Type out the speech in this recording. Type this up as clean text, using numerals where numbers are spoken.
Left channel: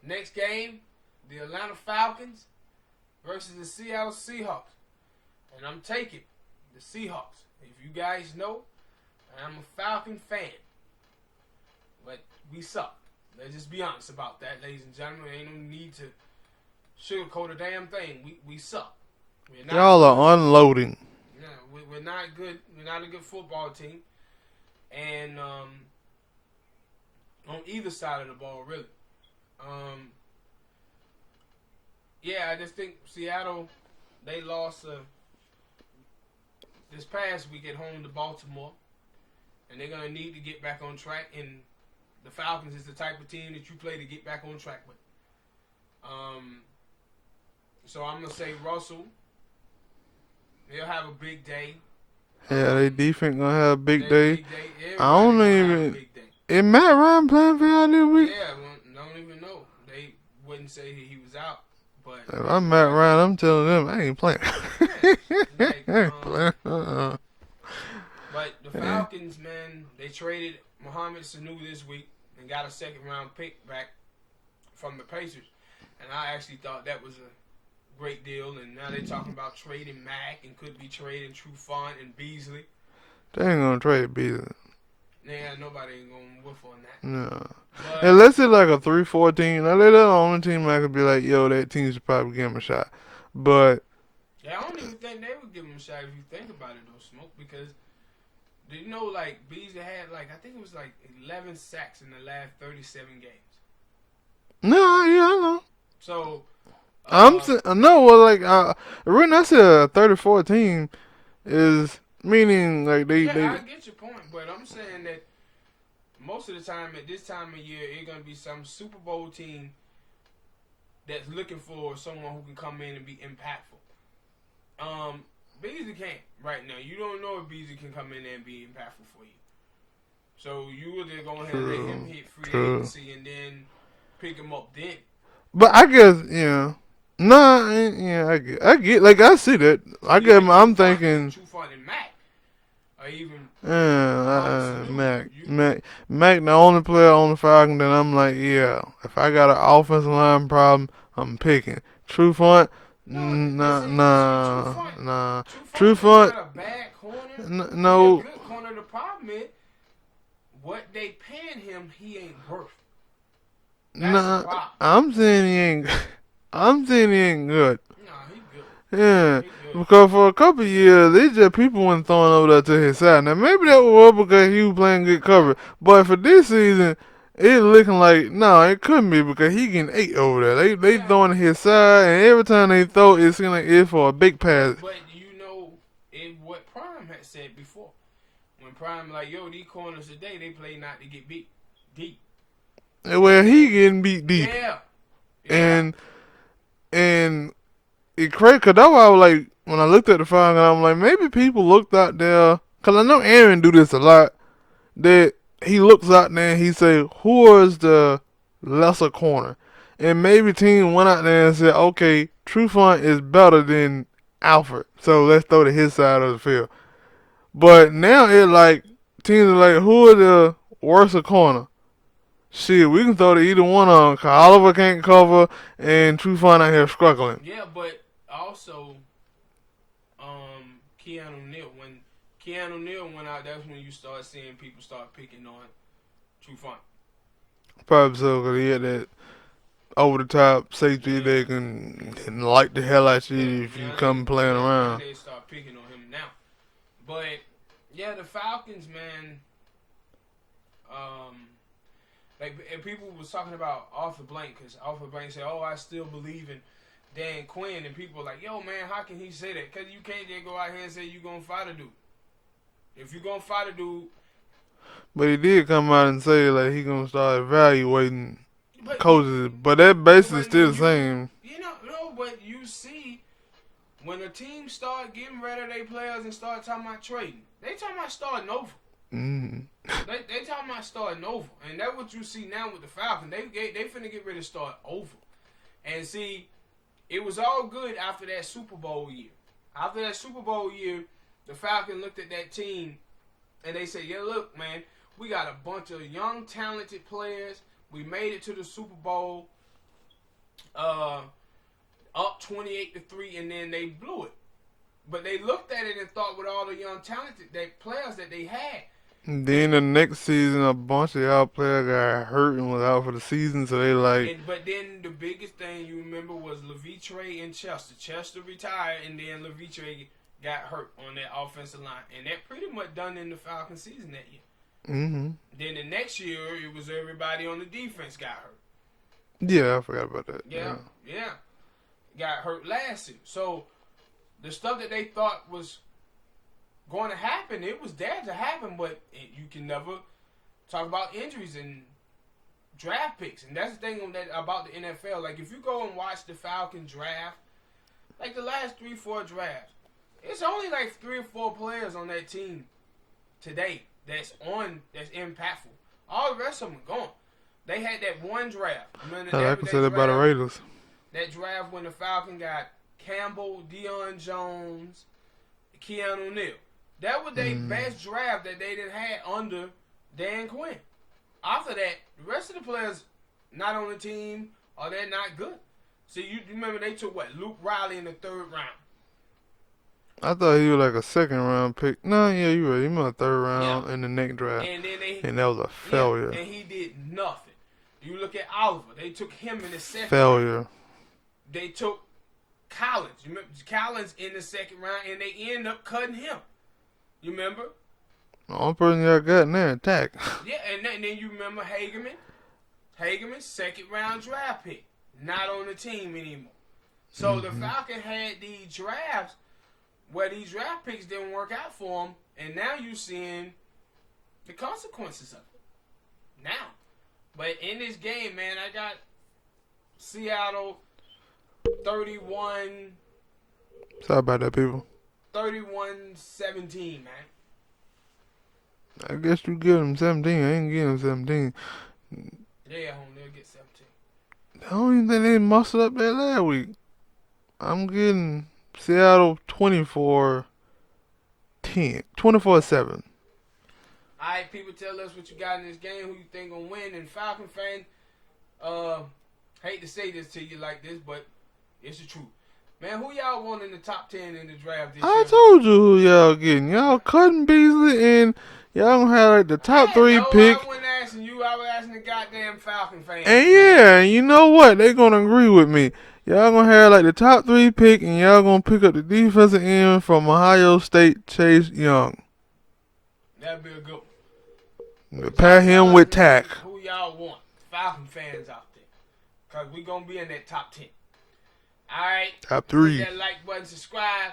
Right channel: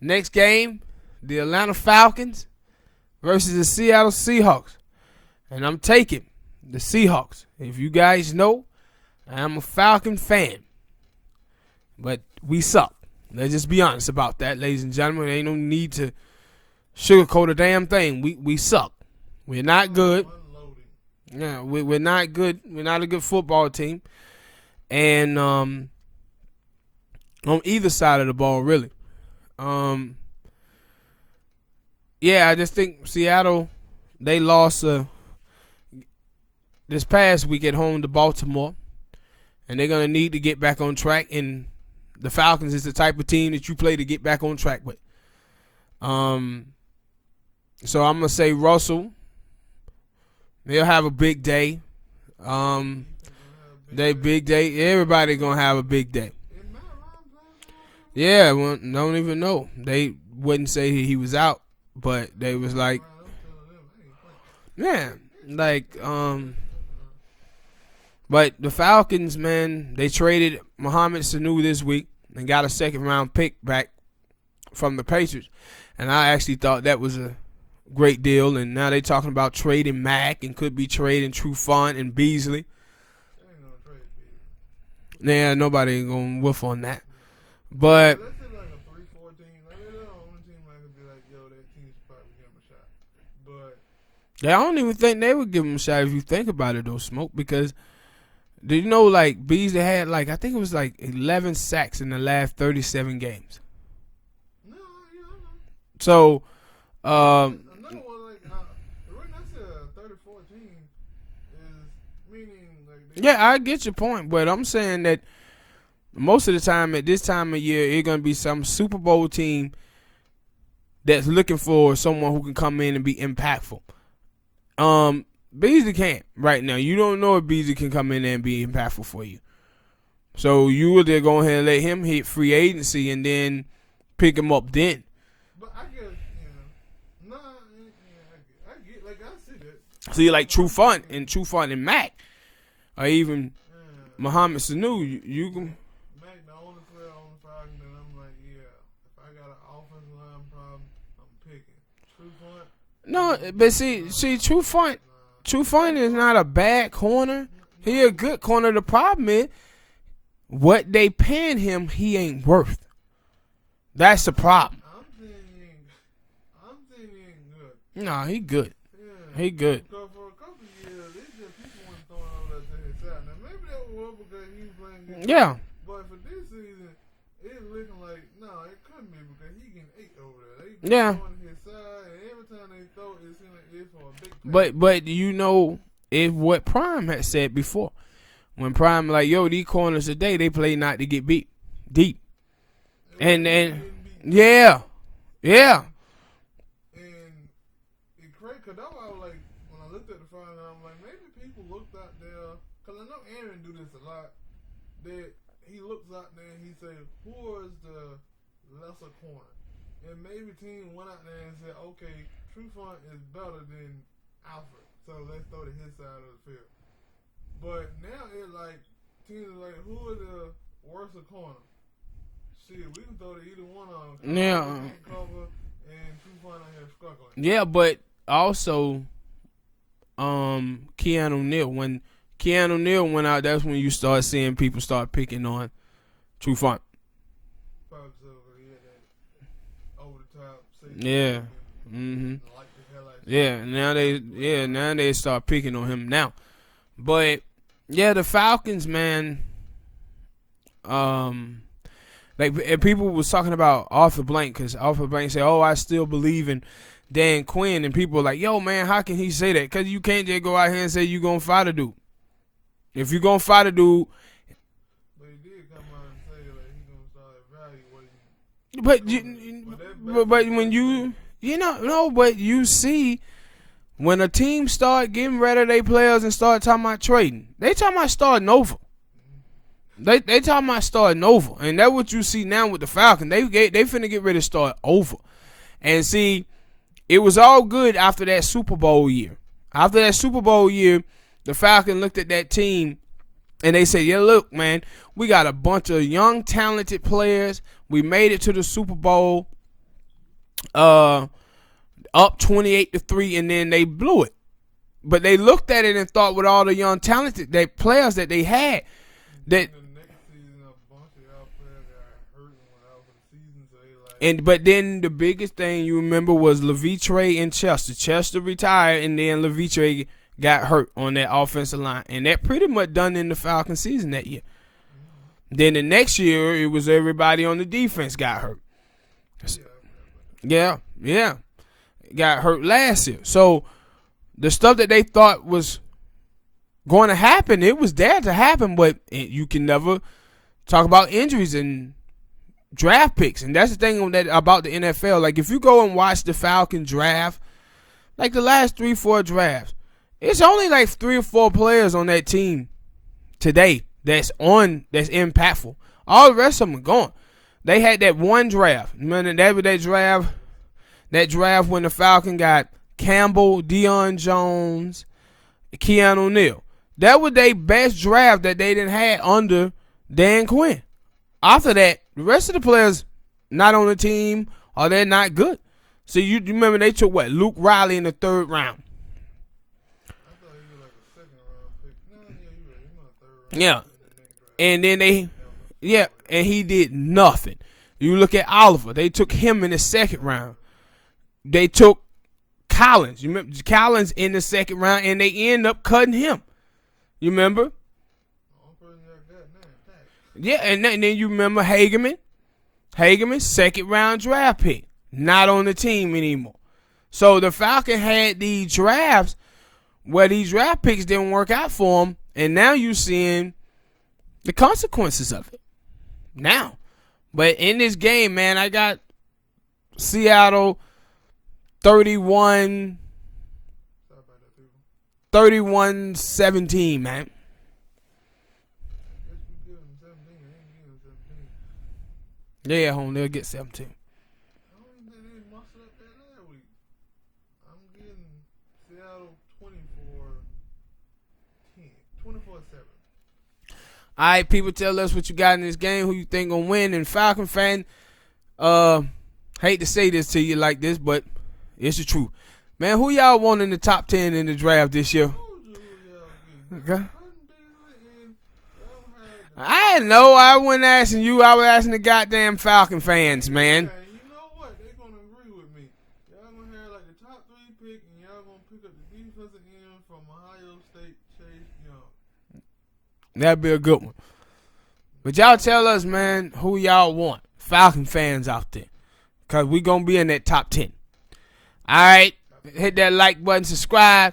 Next game, the Atlanta Falcons versus the Seattle Seahawks. And I'm taking the Seahawks. If you guys know, I'm a Falcon fan. But we suck. Let's just be honest about that, ladies and gentlemen. There ain't no need to sugarcoat a damn thing. We suck. We're not Y'all good. are unloading. Yeah, we're not good. We're not a good football team. And on either side of the ball, really. Yeah, I just think Seattle, they lost this past week at home to Baltimore. And they're going to need to get back on track. And the Falcons is the type of team that you play to get back on track with. So I'm going to say Russell. They'll have a big day. Yeah, their defense going to have a big day. Big day. Everybody going to have a big day. Is Matt Ryan playing for y'all this week? Yeah, well, don't even know. They wouldn't say he was out. But I'm Matt Ryan. I'm telling them I ain't playing. Yeah, like, but the Falcons, man, they traded Mohamed Sanu this week and got a second-round pick back from the Patriots. And I actually thought that was a great deal. And now they're talking about trading Mack and could be trading Trufant and Beasley. They ain't going to trade Beasley. Yeah, nobody ain't going to whiff on that. No. But unless it's like a 3-4 team. Now, they're the only team I could be like, yo, that team should probably give him a shot. But I don't even think they would give him a shot if you think about it, though, Smoke, because did you know, like, Beasley had, like, I think it was, like, 11 sacks in the last 37 games. No, yeah, I know. So, when I said a 34 team is meaning, like, I get your point, but I'm saying that most of the time at this time of year, it's going to be some Super Bowl team that's looking for someone who can come in and be impactful. Beasley can't right now. You don't know if Beasley can come in there and be impactful for you. So you would just go ahead and let him hit free agency and then pick him up then. But I guess, yeah. Nah, yeah, I get, like, I see that. I'm thinking Trufant and Mack. Or even Mohamed Sanu. Mack, the only player on the Falcons that I'm like, yeah, if I got an offensive line problem, I'm picking. Trufant. Trufant is not a bad corner. No. He a good corner. The problem is, what they paying him, he ain't worth. That's the problem. I'm saying he ain't good. Nah, he good. Yeah, he good. Because for a couple of years, they just people weren't throwing over there to his side. Now maybe that was because he was playing good cover. Yeah. But for this season, it's looking like it couldn't be because he getting 8 over there. They throwing to his side, and every time they throw, it seems like it's for a big pass. But you know, it's what Prime had said before. When Prime like, yo, these corners today, they play not to get beat deep. Well, he getting beat deep. Yeah. And it crazy because that's why I was like, when I looked at the Falcons, I'm like, maybe people looked out there, because I know Aaron do this a lot, that he looks out there and he say, who is the lesser corner? And maybe team went out there and said, okay, Trufant is better than Alfred, so let's throw to his side of the field. But now it's like, teams are like, who are the worse corner? Shit, we can throw to either one of them, because Oliver can't cover and Trufant out here struggling. Yeah, but also, Keanu Neal. When Keanu Neal went out, that's when you start seeing people start picking on Trufant. Probably so, because he had that over-the-top safety that can light the hell out you if you come playing around. Now they start picking on him now. But, yeah, the Falcons, man, like people was talking about Arthur Blank, because Arthur Blank said, I still believe in Dan Quinn, and people were like, yo, man, how can he say that? Because you can't just go out here and say you're going to fight a dude. If you're going to fight a dude. But he did come out and say, like, he going to start evaluating coaches. But that basically still the same. But you see, when a team start getting rid of their players and start talking about trading, they talking about starting over. Mm. They talking about starting over. And that's what you see now with the Falcons. They finna get ready to start over. And see, it was all good after that Super Bowl year. After that Super Bowl year, the Falcons looked at that team and they said, yeah, look, man, we got a bunch of young, talented players. We made it to the Super Bowl. up 28-3, and then they blew it. But they looked at it and thought with all the young talented players that they had. Then the next season, a bunch of y'all players got hurt and was out for the season, so they like. But then the biggest thing you remember was Levitre and Chester. Chester retired, and then Levitre got hurt on that offensive line, and that pretty much done in the Falcons season that year. Mm-hmm. Then the next year, it was everybody on the defense got hurt. Yeah, I forgot about that. Yeah. Got hurt last year. So the stuff that they thought was going to happen, it was there to happen, but you can never talk about injuries and draft picks. And that's the thing about the NFL. Like, if you go and watch the Falcon draft, like the last 3-4 drafts, it's only like 3 or 4 players on that team today that's impactful. All the rest of them are gone. They had that one draft. Remember that draft when the Falcon got Campbell, Deion Jones, Keanu Neal. That was their best draft that they didn't have under Dan Quinn. After that, the rest of the players not on the team or they're not good. So you remember they took Luke Riley in the 3rd round. I thought he was like a 2nd round pick. No, yeah, you're right. He was a 3rd round in the next draft. And then and that was a failure. And he did nothing. You look at Oliver. They took him in the 2nd round. They took Collins. You remember Collins in the 2nd round, and they end up cutting him. You remember? The only person y'all got in there attack. Yeah, and then you remember Hageman. Hageman, 2nd round draft pick. Not on the team anymore. So the Falcon had these drafts where these draft picks didn't work out for them, and now you're seeing the consequences of it. Now. But in this game, man, I got Seattle 31. Sorry about that, people. 31-17, man. I guess you give them 17. I ain't giving them 17. Yeah, home, they'll get 17. I don't even think they muscled up that last week. I'm getting Seattle 24-10. 24-7. All right, people, tell us what you got in this game, who you think gonna win. And Falcon fan, hate to say this to you like this, but it's the truth. Man, who y'all want in the top 10 in the draft this year? I told you who y'all getting. Y'all cutting Beasley, and y'all gonna have like the top 3 No, pick. I wasn't asking you. I was asking the goddamn Falcon fans, and man. Yeah, you know what? They gonna agree with me. Y'all gonna have like the top 3 pick, and y'all gonna pick up the defensive end from Ohio State, Chase Young. That'd be a good one. But y'all tell us, with man, tack. who y'all want. Falcon fans out there. Because we going to be in that top 10. All right. Top 3. Hit that like button, subscribe.